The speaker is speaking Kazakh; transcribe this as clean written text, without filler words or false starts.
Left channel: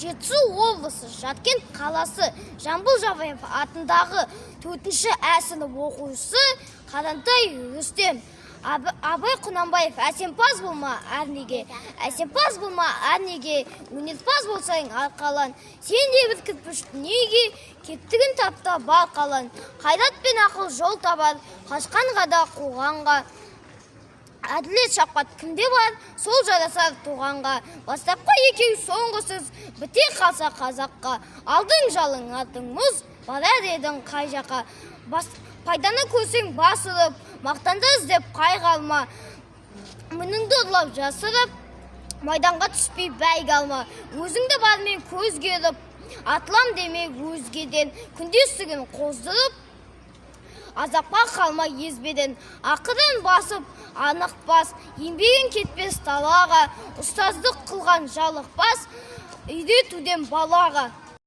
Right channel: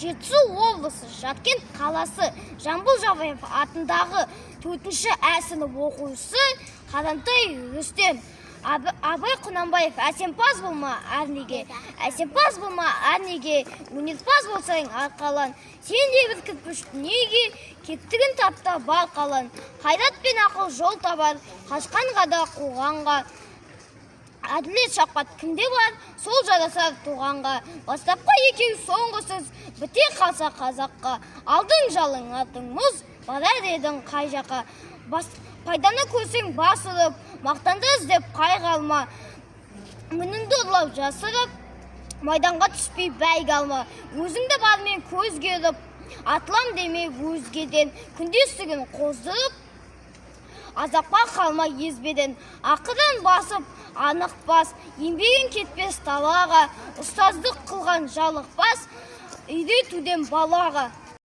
Жетісу облысы, Жаткен қаласы, Жамбыл Жабаев атындағы 4-ші сынып оқушысы Қадамтай Рүстем. Абай Құнанбаев, әсемпаз болма әрнеге, әсемпаз болма әрнеге, өнерпаз болсаң арқалан. Сен де бір кірпіш дүниеге, кеттігін тапта бар қалан. Қайрат пен ақыл жол табар, қашқанға да қуғанға. Әділет шапқат кімде бар, сол жарасар туғанға. Бастапқа екеу соңғысыз, біте қалса қазаққа. Алдың жалың, артың мұз, барар едің қай жаққа. Пайданы көрсең басылып, мақтанды іздеп қайғалма. Мініңді ұрлап жасырып, майданға түспей бәйгі алма. Өзіңді бармен көзге ұрып, атылам деме өзгеден. Күндестігін қоздырып, азапқа қалма езбеден. Ақырын басып, анық бас, еңбегін кетпес талаға. Ұстаздық қылған жалықпас, үйретуден балаға.